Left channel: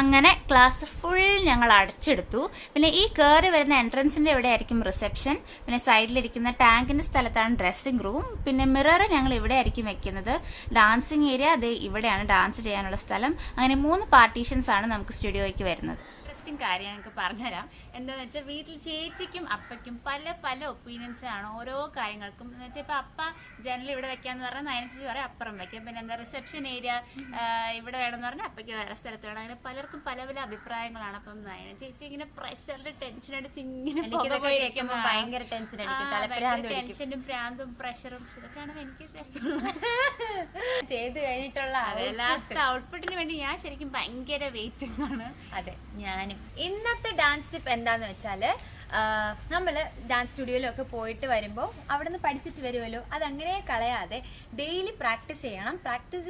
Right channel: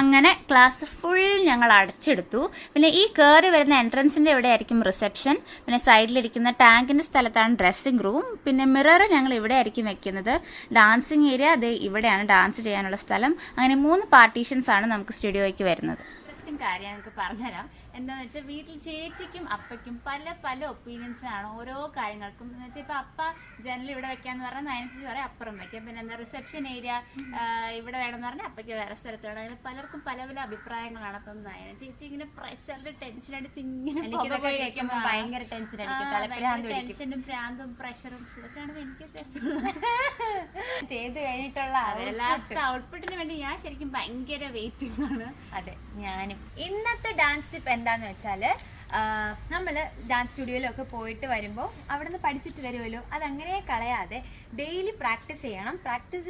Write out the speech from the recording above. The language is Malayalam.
അങ്ങനെ ക്ലാസ് ഫുൾ ഞങ്ങൾ അടച്ചെടുത്തു. പിന്നെ ഈ കയറി വരുന്ന എൻട്രൻസിന്റെ ഇവിടെ ആയിരിക്കും റിസപ്ഷൻ. പിന്നെ സൈഡിലിരിക്കുന്ന ടാങ്കിന്റെ സ്ഥലത്താണ് ഡ്രസ്സിംഗ് റൂം. പിന്നെ മിറർ ഞങ്ങൾ ഇവിടെ ആയിരിക്കും വെക്കുന്നത്. ഡാൻസിങ് ഏരിയ അത് ഇവിടെയാണ്, ഡാൻസ് ചെയ്യാനുള്ള സ്ഥലം. അങ്ങനെ 3 പാർട്ടീഷൻസ് ആണ് നമുക്ക് സ്റ്റുഡിയോയ്ക്ക് വരുന്നത്. ഇൻട്രസ്റ്റിംഗ് കാര്യം എനിക്ക് പറഞ്ഞുതരാം. എന്താണെന്ന് വെച്ചാൽ വീട്ടിൽ ചേച്ചിക്കും അപ്പയ്ക്കും പല പല ഒപ്പീനിയൻസ് ആണ് ഓരോ കാര്യങ്ങൾക്കും. എന്ന് വെച്ചാൽ ഇപ്പൊ അപ്പ ജനൽ ഇവിടെ വെക്കാന്ന് പറഞ്ഞാൽ അതിനനുസരിച്ച് പറയാം അപ്പുറം വെക്കും. പിന്നെ എന്താ റിസപ്ഷൻ ഏരിയ ഇവിടെ വേണമെന്ന് പറഞ്ഞാൽ അപ്പയ്ക്ക് വേറെ സ്ഥലത്ത് വേണം. അങ്ങനെ പലർക്കും പല പല അഭിപ്രായങ്ങളാണ്. അപ്പം ചേച്ചി ഇങ്ങനെ പ്രഷറിൽ ടെൻഷൻ അടിച്ച് ഇങ്ങനെ ഭയങ്കര ടെൻഷനും ഭ്രാന്തും പ്രഷറും ഇതൊക്കെയാണ് എനിക്ക് ചെയ്ത് കഴിഞ്ഞിട്ടുള്ള ലാസ്റ്റ് ഔട്ട്പുട്ടിന് വേണ്ടി ഞാൻ ശരിക്കും ഭയങ്കര വെയിറ്റിംഗ് ആണ്. അതെ, ഞാനും. ഇന്നത്തെ ഡാൻസ് ടിപ്പ് എന്താന്ന് വെച്ചാല്, നമ്മള് ഡാൻസ് സ്റ്റുഡിയോയിലൊക്കെ പോയിട്ട് വരുമ്പോൾ അവിടെ നിന്ന് പഠിച്ചിട്ട് വരുമല്ലോ, അതങ്ങനെ കളയാതെ ഡെയിലി പ്രാക്ടീസ് ചെയ്യണം. പ്രാക്ടീസ്